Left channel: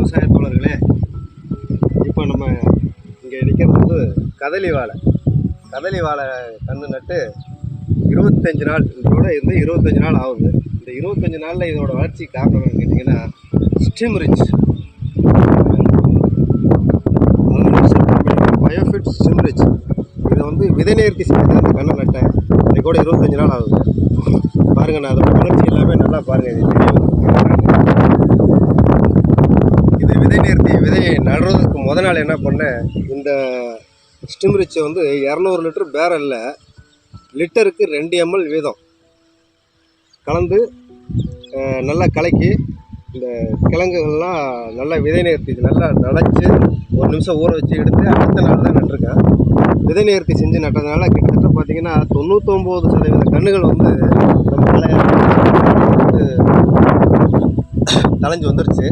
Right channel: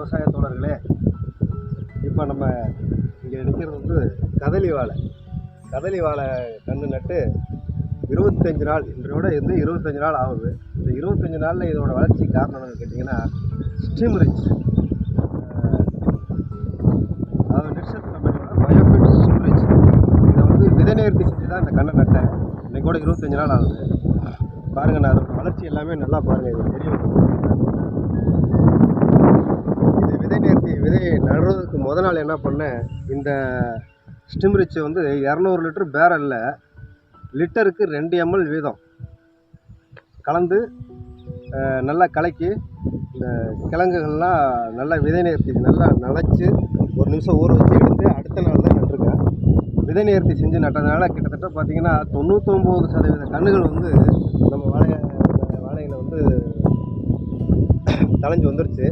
விவசாய தோழர்களே, இப்போ நம்ம இங்கே நிற்கிறது வந்து கதலி வாழை கன்று நட்டு 25 நாள், இதோட இருந்து 25 நாள் ஆகுது. இந்த 25 நாளில் இதோட வளர்ச்சிக்கு காரணம் என்னன்னு கேட்டிங்கன்னா ஸ்டிம்ரிச், அதாவது பயோஃபிட் ஸ்டிம்ரிச். இதை வந்து விதை நேர்த்தி செஞ்சு தான் இந்த கண்ணை நட்டேன். இது கூட 25 நாள் ஆகுது. பாருங்கள், நான் அதோட வளர்ச்சி எல்லாமே நல்லா பாருங்கள். இது விதையை நடுறதுக்கு முத நாள் என்ன பண்ணேன், இந்த ஸ்டிம்ரிச்சை வந்து 200 லிட்டர் பேரலில் லிட்டருக்கு 2 ml வீதம் கலந்து நல்லா கலக்கி இந்த கிழங்குகள்லாம் நல்லா விதை நேர்த்தி நல்லா நனைச்சி 1 நிமிஷம் ஊற வச்சு எடுத்து அடுத்த நாள் தான் நட்டிருக்கேன். விதை நேர்த்தி செஞ்சு நட்டதுனால கிட்டத்தட்ட பார்த்திங்கன்னா 99% கன்றுகள் வந்து நம்ம வந்து தலைஞ்சு வந்துருச்சு.